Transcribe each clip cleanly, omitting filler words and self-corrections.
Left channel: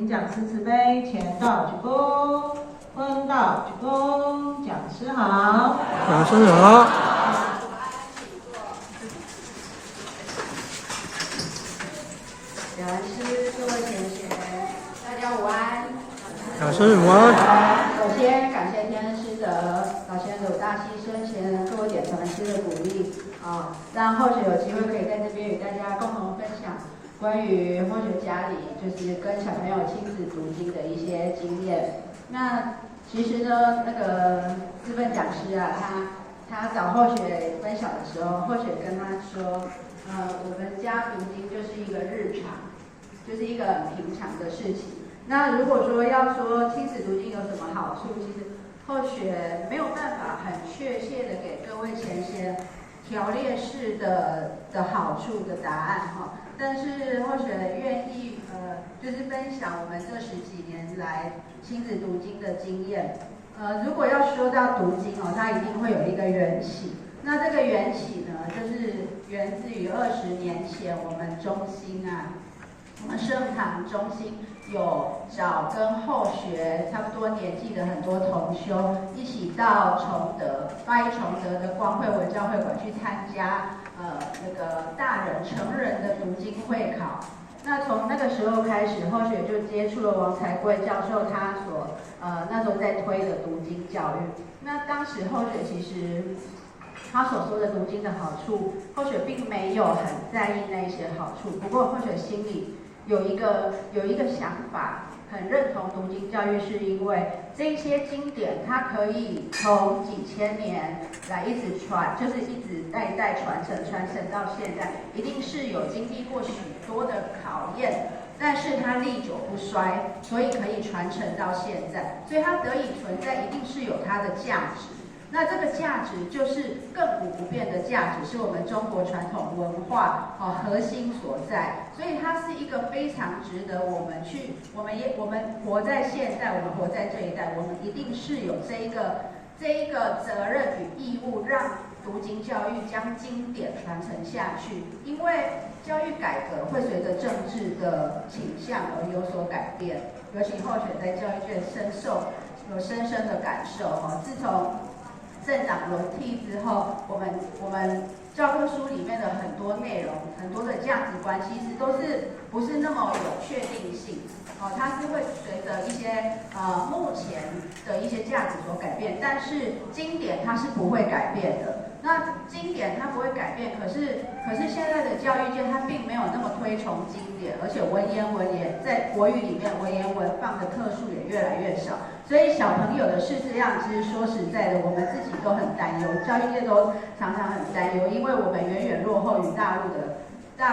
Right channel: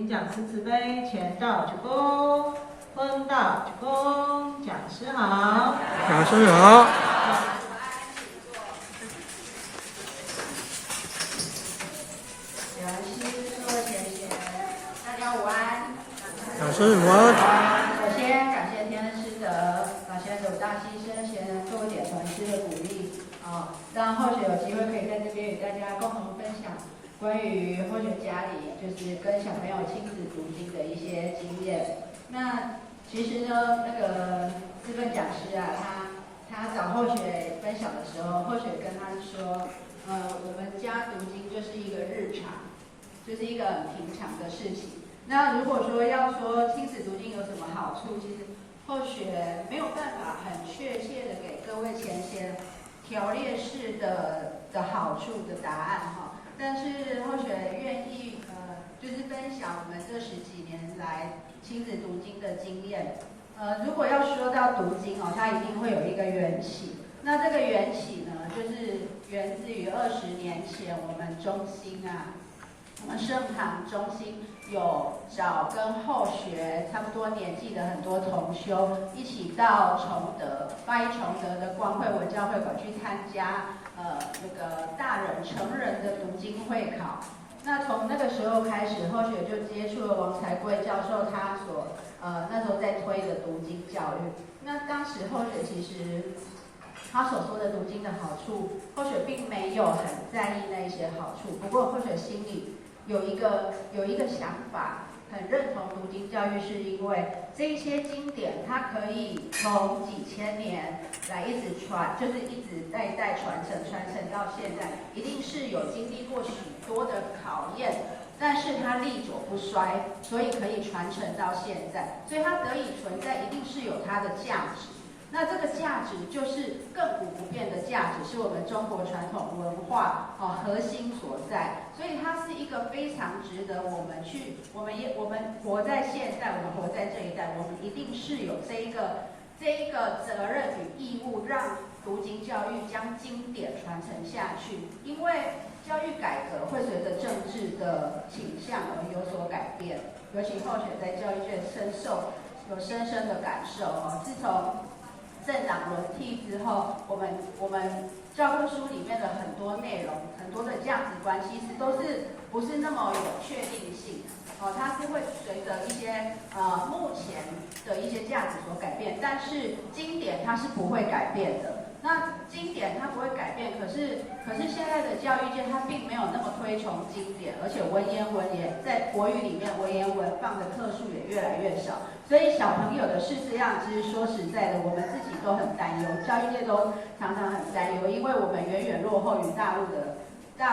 请讲师慈悲，前道鞠躬，后道鞠躬，讲师好，讲师好。讲师各位贤贤，大家午安。讲师午安。首先感谢天恩师的老贤鲁大牺牲前给我点传师的鼓励让后学有机会可以在这边与大家共同分享关于后学家里就是跟小朋友亲子读经的一些经验。那其实呢，那个资本讲师啊，他找后学分享的时候，后学跟他说，我们家读经就是一个日常，就是一个很平常的事情。那如果说要说亲子读经有什么好处，其实后学没有办法很确切的给各位前贤条列式的好处的答案哈。但是后学愿意就是分享我们这10几年来亲子读经的经验。如果要说到读经它一定会有一个缘起。那这个缘起呢，就是源自于20年前我们中心我们圣堂中心有找跟后学差不多年纪的很多同修一起到崇德巴依崇德的光会文教会馆去参加那个大人成人的读经会考。那从那个时候开始，后学就接触了王才贵教授他所那时候在推的读经教育。那当时后学其实他所说的读经的好处，后学并没有很在意那些好处，不过后学心里有一个想法，很认同读经教育，是因为这些经典它可以从几千年来一直传，就是一直代代传承到现在，一定是有经历过许多的考验，但是它历久不衰，所以可以传承到现在，所以它得以存在，一定是有它的价值。那这个价值就是亘古不变的价值，是我们中国传统文化核心所在，所以它是一个非常值得我们活在现代，我们活在这一代，我们一定是有这一个责任与义务，让读经教育将经典传承下去。因为教育改革会随着政治的倾向而有所改变，尤其后学在教育界有深深的感受自从政党轮替之后，我们教科书里面的很多内容，很多的价值观，其实都是不是那么有确定性它是会随着一些目前的一些价值所改变，但是经典它是不会改变的。那经典它不会改变，可是现在的教育界它并没有那么推崇经典，而且文言文也在国语里面文言文放的课数也越来越少。所以小朋友的是这样，其实说实在的，我们自己都很担忧，教育界都常常很担忧，因为我们远远落后于大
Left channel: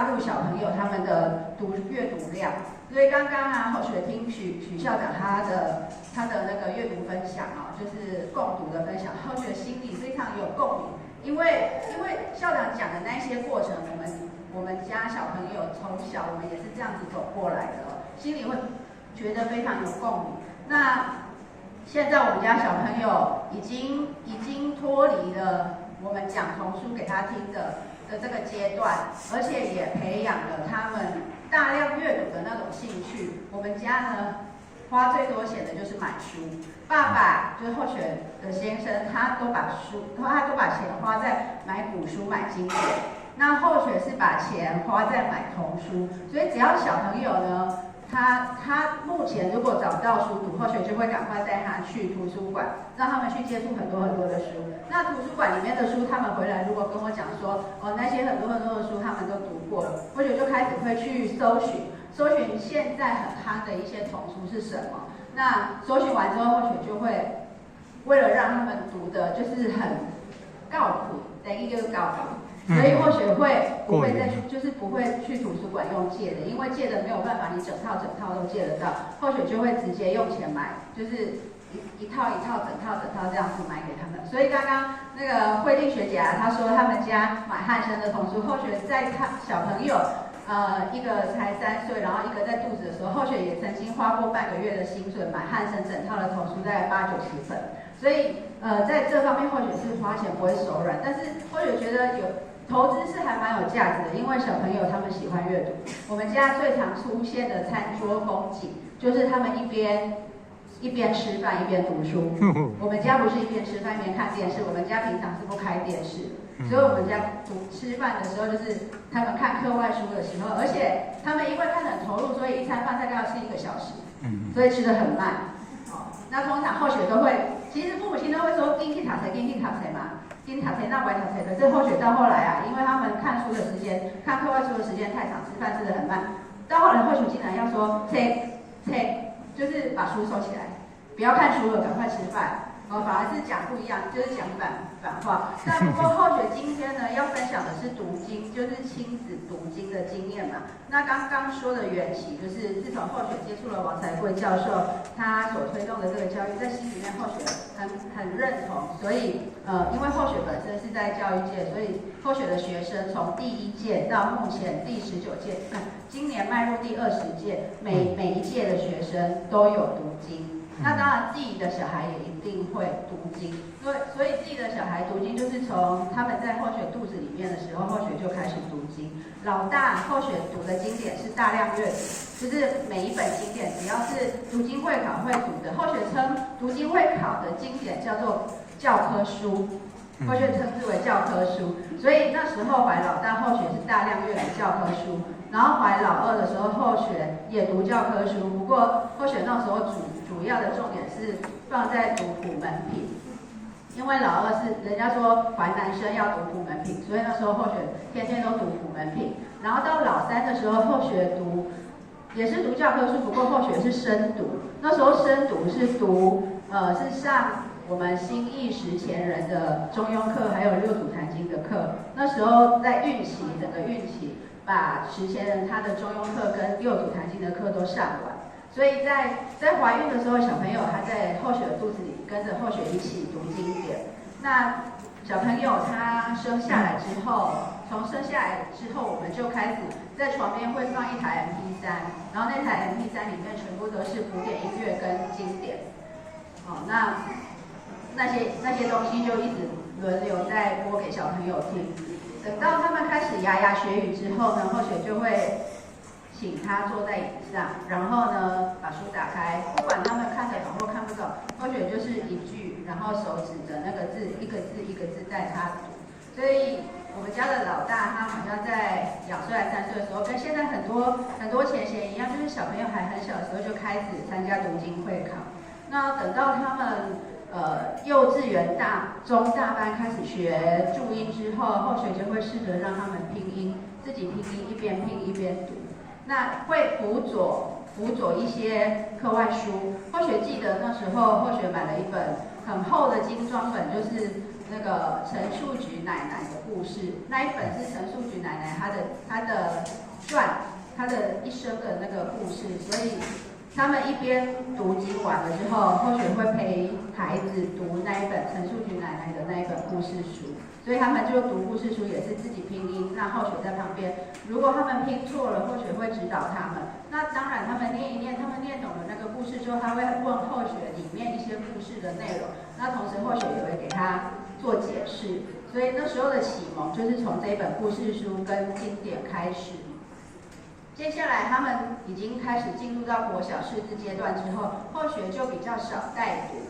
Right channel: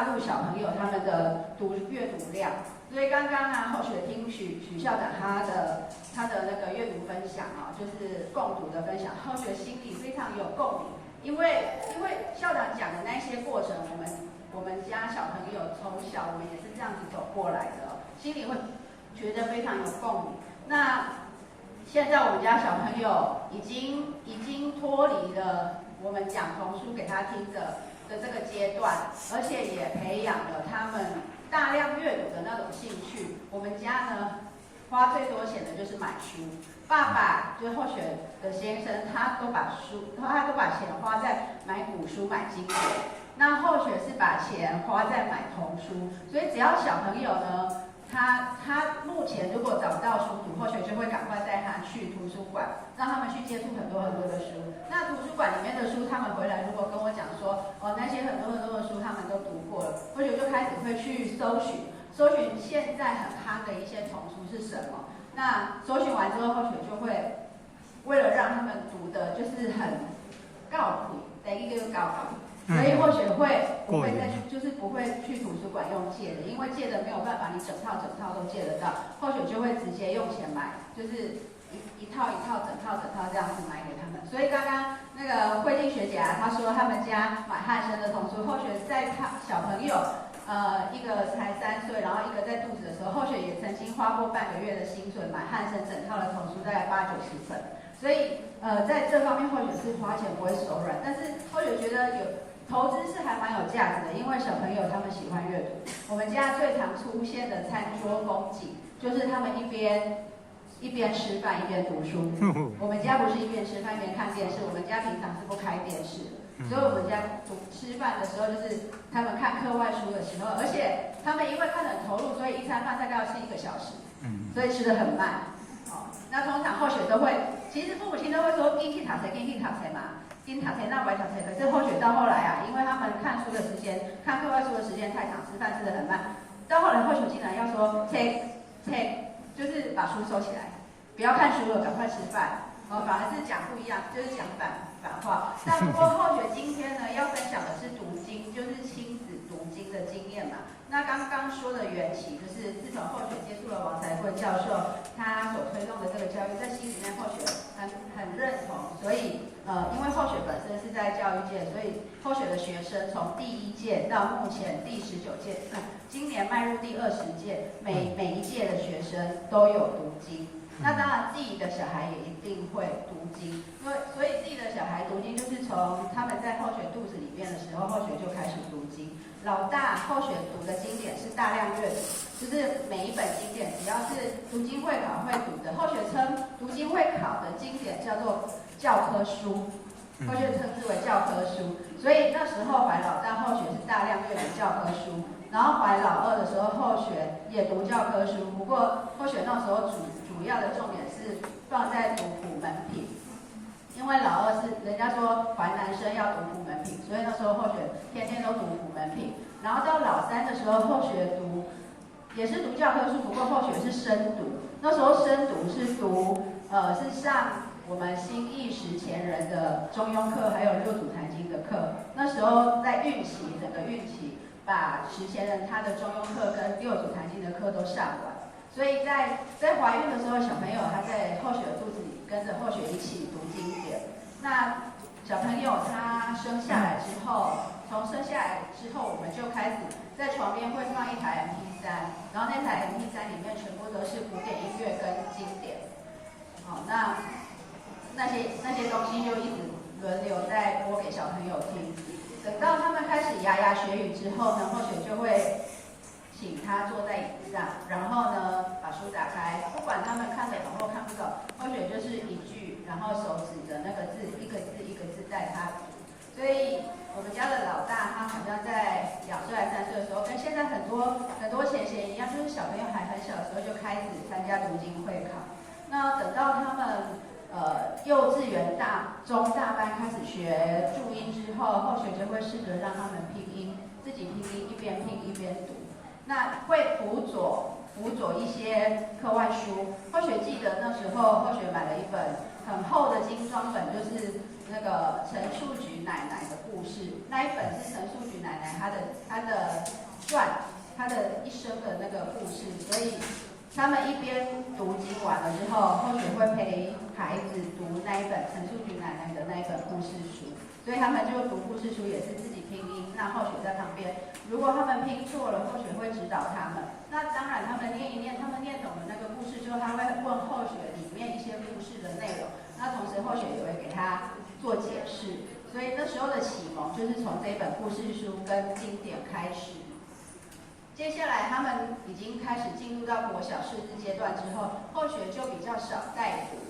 陆小朋友他们的阅读量。所以刚刚后学听许校长他的那个阅读分享就是共读的分享，后学心里非常有共鸣，因为校长讲的那些过程，我们家小朋友从小我们也是这样子走过来的心里会觉得非常有共鸣。那现在我们家小朋友已经脱离了我们讲童书给他听的这个阶段，而且也培养了他们大量阅读的那种兴趣。我们家呢，花最多钱的就是买书。爸爸就是后学的先生，他都把钱花在买古书、买经典。那后学是把钱花在买童书，所以只要小朋友呢，他目前如果找不到书读，后学就会赶快带他去图书馆，让他们去接触很多的书。那图书馆里面的书，他们回来如果跟我讲说，那些很多的书他们都读过了，后学就开始会去搜寻现在很夯的一些童书是什么。那搜寻完之后，后学就会为了让他们读的就是很靠谱，等于就是高考。所以后学不会再去，就是不会去图书馆用借的，因为借的没有办法，你整套都借得到。后学就会直接用钱买，就是一套整套这样子买给他们。所以刚刚那个慧静学姐她说他们家买汉生的童书，后学在看小朋友，一个才3岁，然后一个在肚子的时候，后学也曾经花过半个月的薪水买汉生整套的童书，大概80、90本。所以在这方面后学是花钱不会手软，但是后学觉得投资是还蛮有价值的，因为小朋友他们喜欢阅读。我们家最常出现的餐桌风景，就是他们一边吃饭一边读书。我们家不是一边吃饭一边看电视，我们家平常是不开电视，所以我们家吃饭的时候就是他们看课外书的时候，而且他们因为看得很投入，所以一餐饭大概要吃1个小时，所以吃得很慢。那通常后学都会，其实父母亲都会说经济塔才嘛，经济塔才那白塔才。可是后学到后来啊，因为他们看书的时间、看课外书的时间太长，吃饭吃得很慢，到后来后学竟然要说 take， 就是把书收起来，不要看书了，赶快吃饭。反而是讲不一样，就是讲反话。那不过后学今天呢，要分享的是读经，就是亲子读经的经验嘛。那刚刚说的缘起，就是自从后学接触了王才贵教授他所推动的这个教育，在心里面后学很认同。所以因为后学本身是在教育界，所以后学的学生从第1届到目前第19届，今年迈入第20届，每一届的学生都有读经。那当然，自己的小孩也一定会读经，所以自己的小孩读经就是从他们在后学肚子里面的时候，后学就开始读经。老大后学读的经典是大量阅读，就是每一本经典只要是读经会考会读的，后学称读经会考的经典叫做教科书，后学称之为教科书。所以那时候怀老大后学是大量阅读教科书，然后怀老二的时候后学也读教科书，不过后学那时候主要的重点是放在读普门品，因为老二是人家说怀男生要读普门品，所以那时候后学天天都读普门品。然后到老三的时候，后学读也是读教科书，不过后学是深读。那时候深读是读是上我们新义十前人的中庸课，还有六祖坛经的课。那时候在整个运期，把十前人他的中庸课跟六祖坛经的课都上完。所以在怀孕的时候，小朋友他在后学的肚子里跟着后学一起读经典。那小朋友他生下来之后，从生下来之后，我们就开始在床边会放一台 MP3，然后那台 MP3里面全部都是古典音乐跟经典。那些东西就一直轮流在播给小朋友听。等到他们开始牙牙学语之后呢，后学就会请他坐在椅子上，然后呢把书打开，不管他们看得懂或看不懂，后学就是一句，然后手指着那个字，一个字一个字带他读。所以我们家的老大，他好像在2岁还3岁的时候，跟现在很多前贤一样，就是小朋友还很小的时候就开始参加读经会考。那等到他们幼稚园中大班开始学注音之后，后学就会试着让他们拼音，自己拼音，一边拼一边读。那会辅佐一些课外书。后学记得那时候，后学买了一本很厚的精装本，就是那个陈树菊奶奶的故事。那一本是陈树菊奶奶她的传，她的一生的那个故事。所以他们一边读经完了之后，后学会陪孩子读那一本陈树菊奶奶的那一本故事书。所以他们就读故事书也是自己拼音，那后学在旁边。如果他们拼错了，后学会指导他们。那当然，他们念一念，他们念懂了那个故事之后，他会问后学里面一些故事的内容。那同时后学也会给他做解释。所以那时候的启蒙就是从这一本故事书跟经典开始。接下来他们已经开始进入到国小识字阶段之后，后学就比较少带读。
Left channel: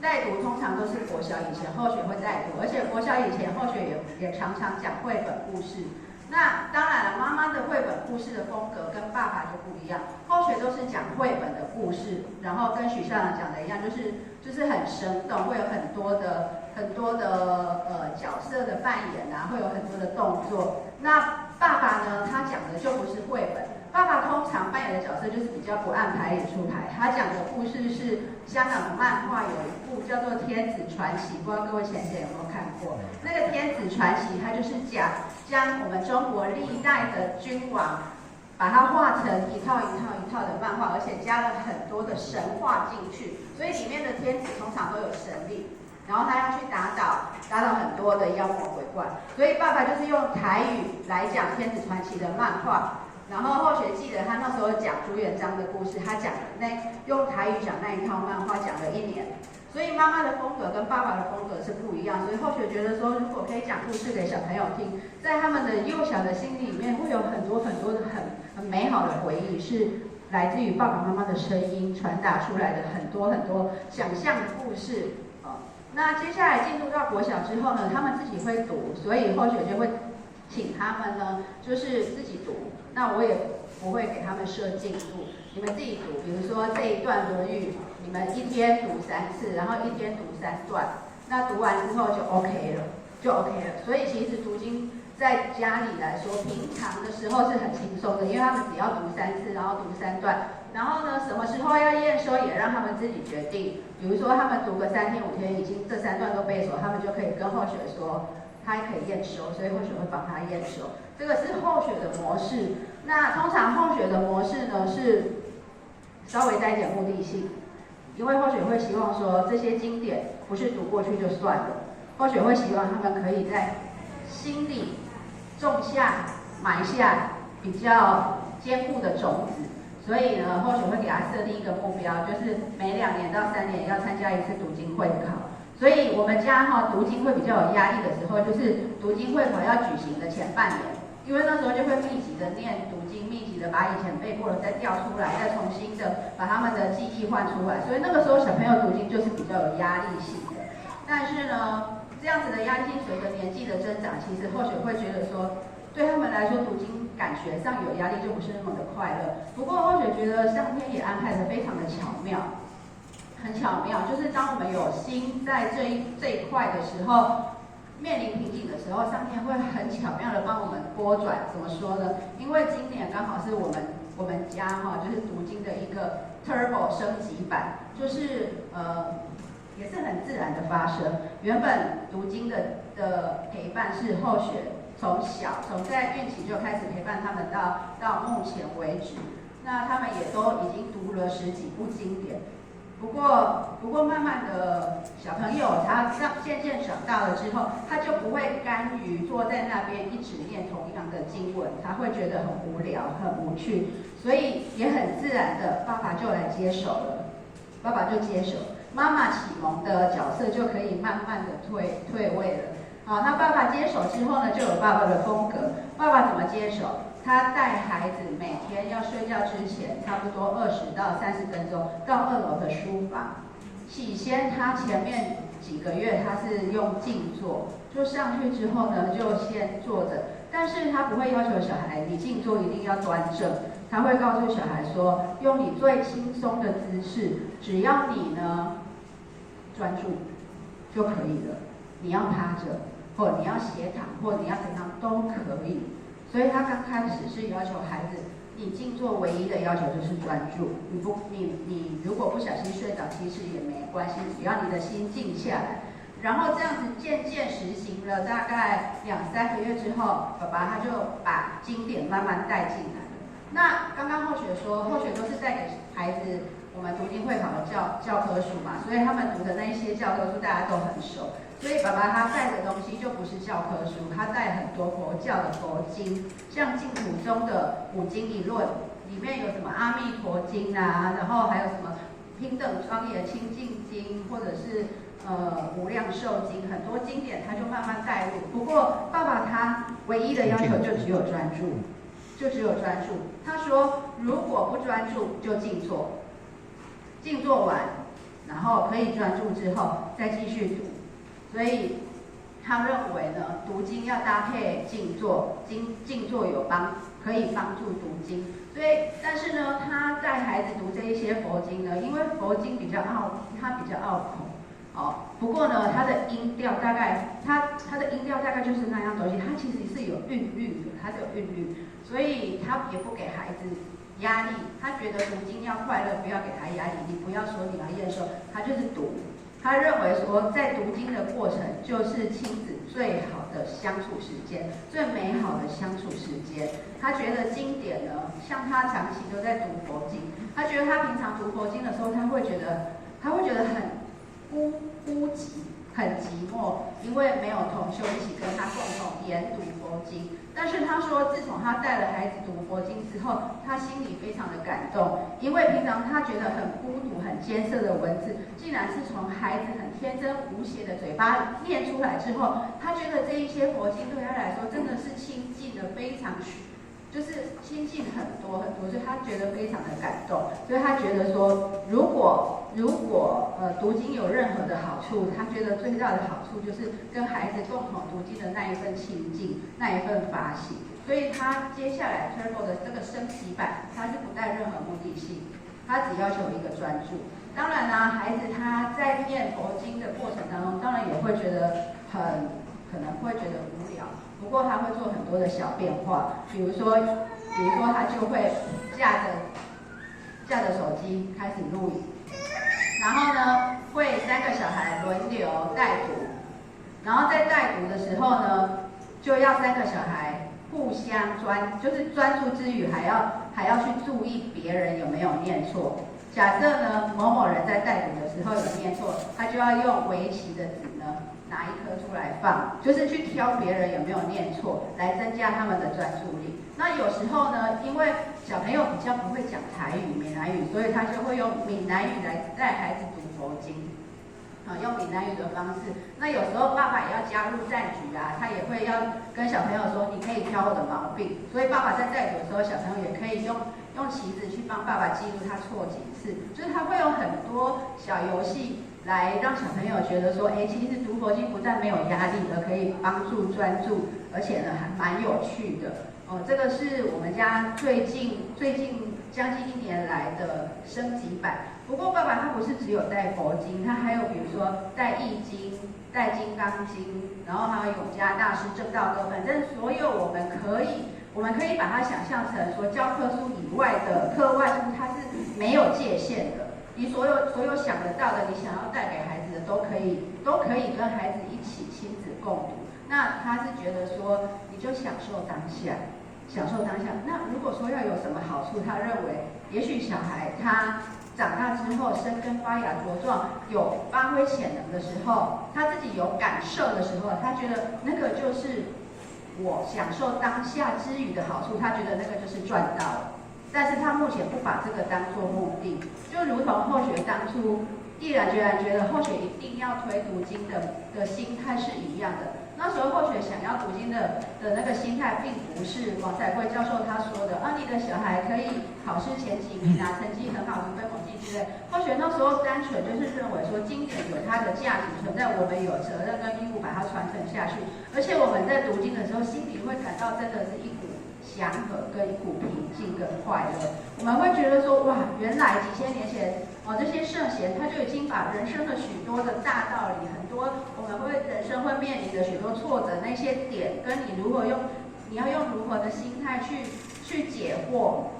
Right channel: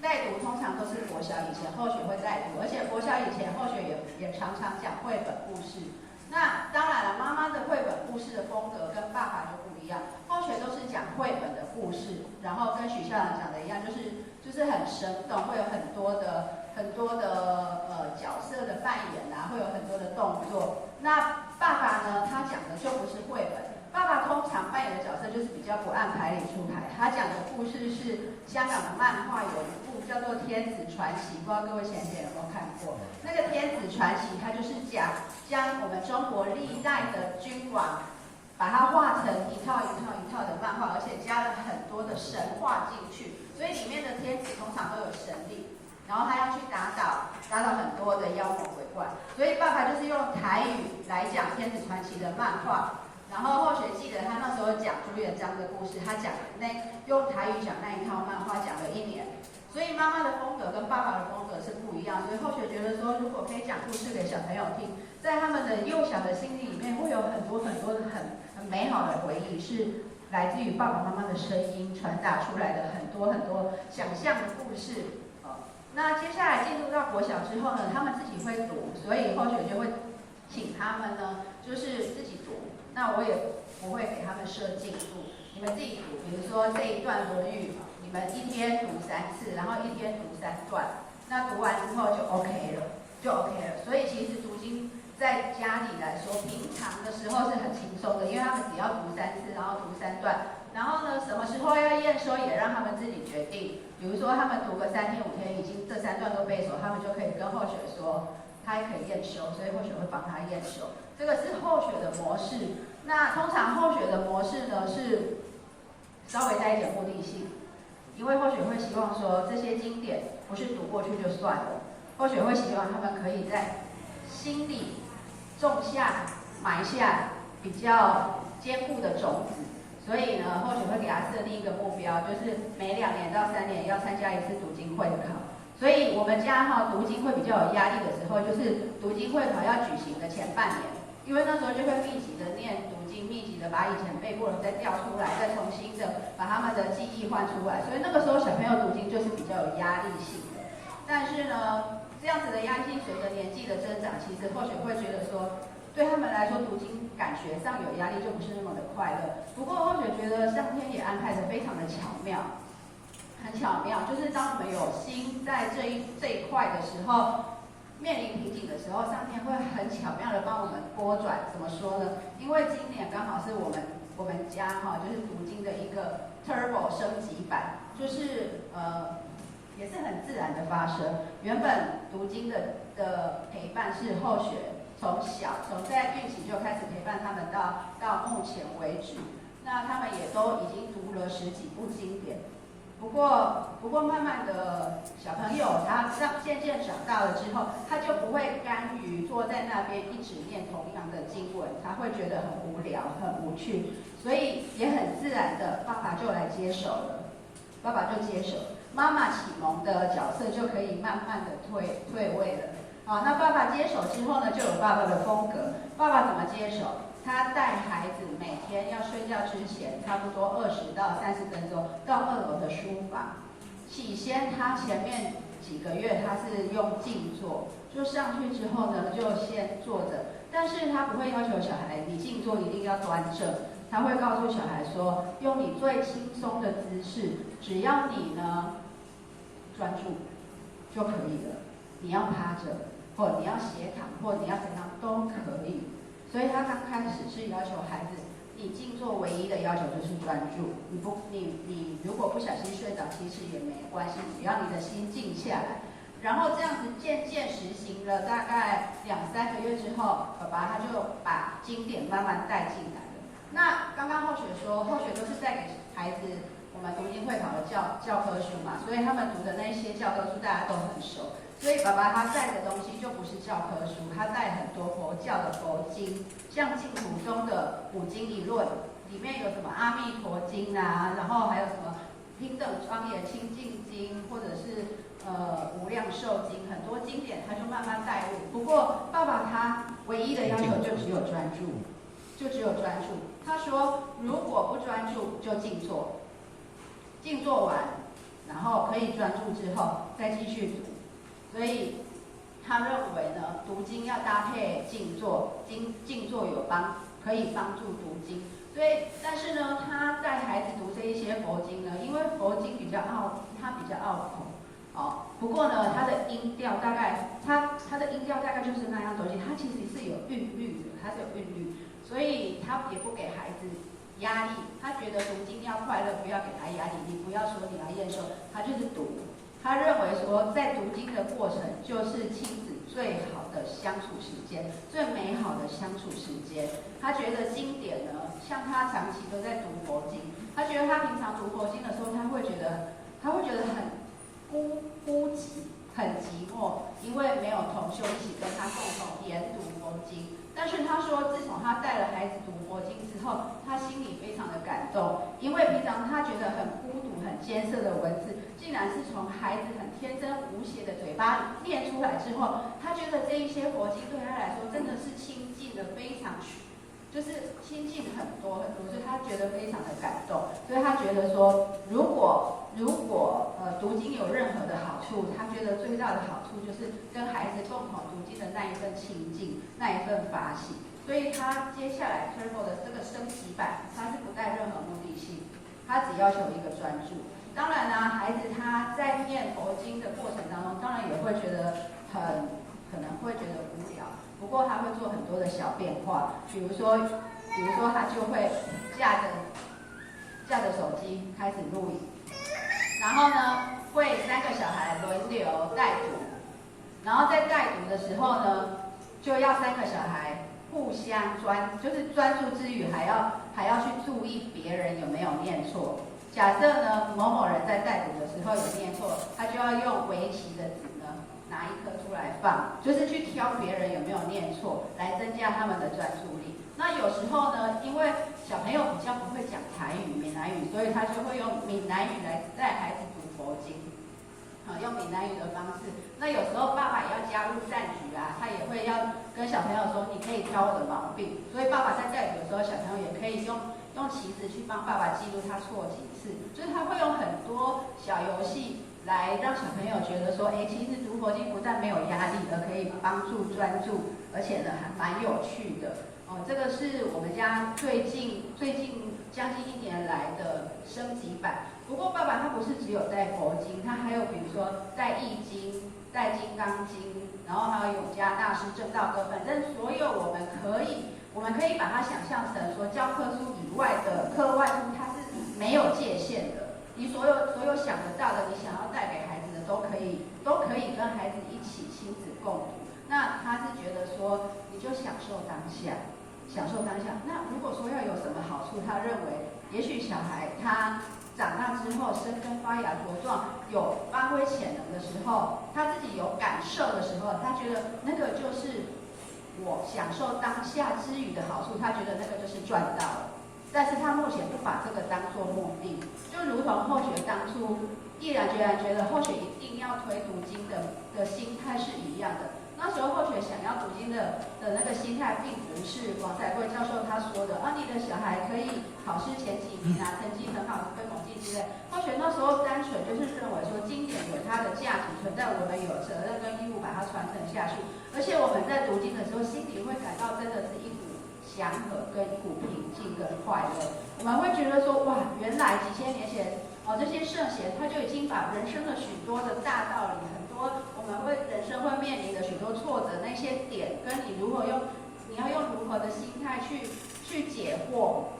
带读通常都是国小以前后学会带读，而且国小以前后学也常常讲绘本故事。那当然了，妈妈的绘本故事的风格跟爸爸就不一样。后学都是讲绘本的故事，然后跟许校长讲的一样，就是很生动，会有很多的角色的扮演啊，会有很多的动作。那爸爸呢，他讲的就不是绘本。爸爸通常扮演的角色就是比较不按牌理出牌，他讲的故事是香港的漫画，有一部叫做《天子传奇》，不知道各位前有没有看过？那个《天子传奇》，它就是将我们中国历代的君王，把它画成一套的漫画，而且加了很多的神话进去，所以里面的天子通常都有神力，然后他要去打倒很多的妖魔鬼怪，所以爸爸就是用台语来讲《天子传奇》的漫画。然后后学记得他那时候讲朱元璋的故事，他用台语讲那一套漫画讲了1年，所以妈妈的风格跟爸爸的风格是不一样，所以后学觉得说，如果可以讲故事给小朋友听，在他们的幼小的心里面会有很多的很美好的回忆，是来自于爸爸妈妈的声音传达出来的很多很多想象的故事。那接下来进入到国小之后呢，他们自己会读，所以后学就会请他们呢，就是自己读。那我也不会给他们设进度，你们自己读。比如说这一段国语，你们一天读3次，然后一天读3段。那读完之后就 OK 了。所以其实读经在家里来说，平常的时候是很轻松的，因为他们只要读3次，然后读3段。然后呢，什么时候要验收也让他们自己决定。比如说他们读个3天5天，已经这3段都背熟，他们就可以跟后学说，他还可以验收，所以后学会帮他验收。这个是后学的模式。那通常后学的模式呢是稍微带一点目的性，因为后学会希望说这些经典不是读过去就算了，后学会希望他们可以在心里种下埋下比较坚固的种子。所以呢，后学会给他设立一个目标，就是每2年到3年要参加1次读经会考。所以我们家读经会比较有压力的时候，就是读经会考要举行的前半年，因为那时候就会密集的念读经，密集的把以前背过的再调出来，再重新的把他们的记忆换出来。所以那个时候小朋友读经就是比较有压力性的。但是呢，这样子的压力性随着年纪的增长，其实后学会觉得说，对他们来说读经感觉上有压力就不是那么的快乐。不过后学觉得上天也安排的非常的巧妙，很巧妙，就是当我们有心在这一块的时候，面临瓶颈的时候，上天会很巧妙的帮我们拨转。怎么说呢？因为今年刚好是我们家就是读经的一个 turbo 升级版，就是也是很自然的发生。原本读经的陪伴是后学。从在孕期就开始陪伴他们到目前为止，那他们也都已经读了10几部经典。不过慢慢的小朋友他渐渐长大了之后，他就不会甘于坐在那边一直念同样的经文，他会觉得很无聊很无趣，所以也很自然的爸爸就来接手了，妈妈启蒙的角色就可以慢慢的退位了。那爸爸接手之后呢，就有爸爸的风格。爸爸怎么接手？他带孩子每天要睡觉之前，差不多20到30分钟到2楼的书房。起先他前面几个月他是用静坐，就上去之后呢，就先坐着。但是他不会要求小孩你静坐一定要端正，他会告诉小孩说，用你最轻松的姿势，只要你呢专注就可以了。你要趴着。或你要斜躺，或你要怎样都可以。所以他刚开始是要求孩子，你静坐唯一的要求就是专注。你如果不小心睡着，其实也没关系，只要你的心静下来。然后这样子渐渐实行了大概2、3个月之后，爸爸他就把经典慢慢带进来了。那刚刚后学说，后学都是带给孩子我们读经会考的教科书嘛，所以他们读的那些教科书大家都很熟。所以爸爸他带的东西就不是教科书，他带很多佛教的佛经，像净土宗的5经一论，里面有什么阿弥陀经啊，然后还有什么平等庄严清净经，或者是无量寿经，很多经典他就慢慢带入。不过爸爸他唯一的要求就只有专注，他说如果不专注就静坐，静坐完，然后可以专注之后再继续读。所以他认为呢，读经要搭配静坐，静坐可以帮助读经。所以，但是呢，他带孩子读这一些佛经呢，因为佛经比较拗口，不过呢，它的音调大概就是那样东西，它其实是有韵律的，它是有韵律，所以他也不给孩子压力，他觉得读经要快乐，不要给他压力，你不要说你要验收，他就是读。他认为说，在读经的过程就是亲子最好的相处时间，最美好的相处时间。他觉得经典呢，像他长期都在读佛经，他觉得他平常读佛经的时候，他会觉得很孤寂，很寂寞，因为没有同修一起跟他共同研读佛经。但是他说，自从他带了孩子读佛经之后，他心里非常的感动，因为平常他觉得很孤独、很艰涩的文字，竟然是从孩子很天真无邪的嘴巴念出来之后，他觉得这一些佛经对他来说真的是亲近的非常就是亲近很多很多，所以他觉得非常的感动，所以他觉得说，如果读经有任何的好处，他觉得最大的好处就是跟孩子共同读经的那一份亲近，那一份发喜。所以他接下来 Turbo 的这个升级版，他是不带任何目的性，他只要求一个专注。当然啦，孩子他在念佛经的过程当中，当然也会觉得可能会觉得无聊，不过他会做很多的小变化，比如说他就会架着手机开始录影，然后呢会3个小孩轮流带读，然后在带读的时候呢，就要3个小孩互相专注之余，还要去注意别人有没有念错。假设呢某某人在带读的时候有念错，他就要用围棋的纸呢拿一颗出来放，就是去挑别人有没有念错，来增加他们的专注力。那有时候呢，因为小朋友比较不会讲台语、闽南语，所以他就会用闽南语来带孩子读佛经。用闽南语的方式，那有时候爸爸也要加入战局啊，他也会要跟小朋友说，你可以挑我的毛病。所以爸爸在带读的时候，小朋友也可以用棋子去帮爸爸记录他错几次，就是他会有很多小游戏来让小朋友觉得说，其实读佛经不但没有压力，而可以帮助专注，而且呢还蛮有趣的。这个是我们家最近将近1年来的升级版。不过爸爸他不是只有带佛经，他还有比如说带易经、带金刚经，然后还有永嘉大师正道歌，反正所有我们可以把它想象成说教科书以外的课外书，它是没有界限的。你所有想得到的，你想要带给孩子的都可以跟孩子一起亲子共读。那他是觉得说，你就享受当下。那如果说要有什么好处，他认为也许小孩他长大之后生根发芽茁壮，有发挥潜能的时候，他自己有感受的时候，他觉得那个就是我享受当下之余的好处，他觉得那个就是赚到了。但是他目前不把这个当作目的，就如同后学当初毅然决然觉得后学一定要推读经的心态是一样的。那时候后学想要读经的那个心态，并不是王彩贵教授他说的你的小孩可以考试前几名啊，成绩很好，突飞猛进之类。后学那时候单纯就是认为说，经典有它的价值存在，我们有责任跟义务把它传承下去。而且我们在读经的时候，心里会感到真的是一股祥和跟一股平静跟快乐。我们会觉得说，哇，原来几千年前这些圣贤他就已经把人生的许多的大道理，很多我们人生会面临的许多挫折那些点，跟你要用如何的心态去解惑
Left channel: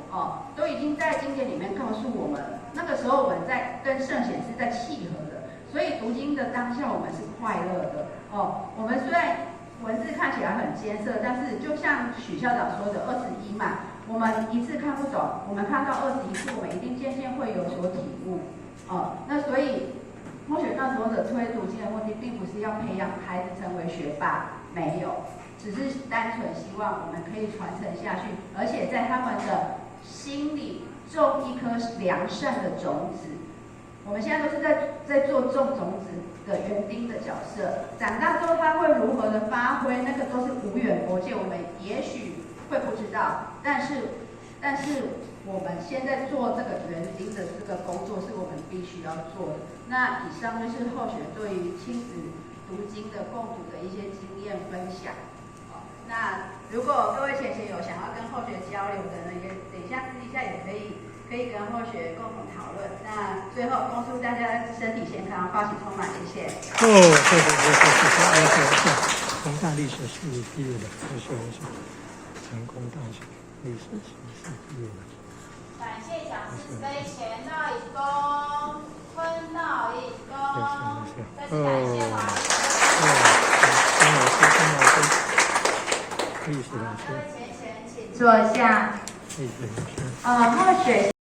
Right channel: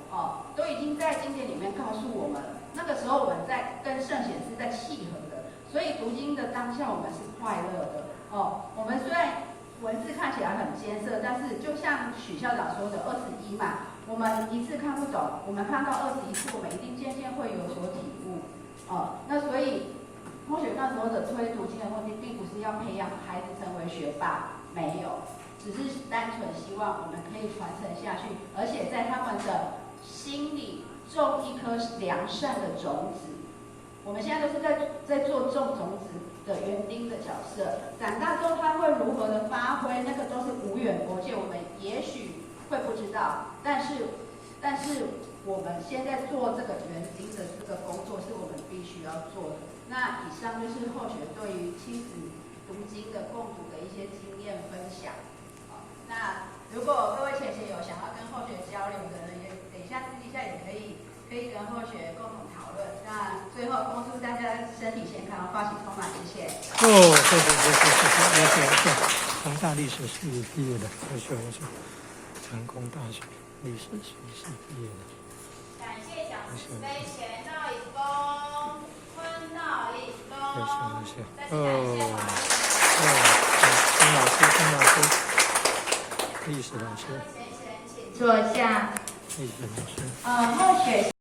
都已经在经典里面告诉我们了。那个时候我们在跟圣贤是在契合的，所以读经的当下我们是快乐的我们虽然文字看起来很艰涩，但是就像许校长说的21嘛，我们一次看不懂，我们看到21次，我们一定渐渐会有所体悟那所以后学那时候的推读经的目的，并不是要培养孩子成为学霸，没有，只是单纯希望我们可以传承下去，而且在他们的心里种一颗良善的种子。我们现在都是在做种种子的园丁的角色，长大之后他会如何的发挥，那个都是无远佛界，我们也许会不知道，但是我们现在做这个园丁的这个工作是我们必须要做的。那以上就是后学对于亲子读经的共读的一些经验分享。那如果各位姐姐有想要跟后学交流的呢，也等一下私底下也可以跟后学共同讨论。那最后恭祝大家身体健康，发喜充满，谢谢。谢。宏大历史系毕业的，是成功大学历史系毕业的。感谢讲师慈悲，前道一公，坤道一公。再次感谢王老师，历史老师，坐下。历史老师。后学。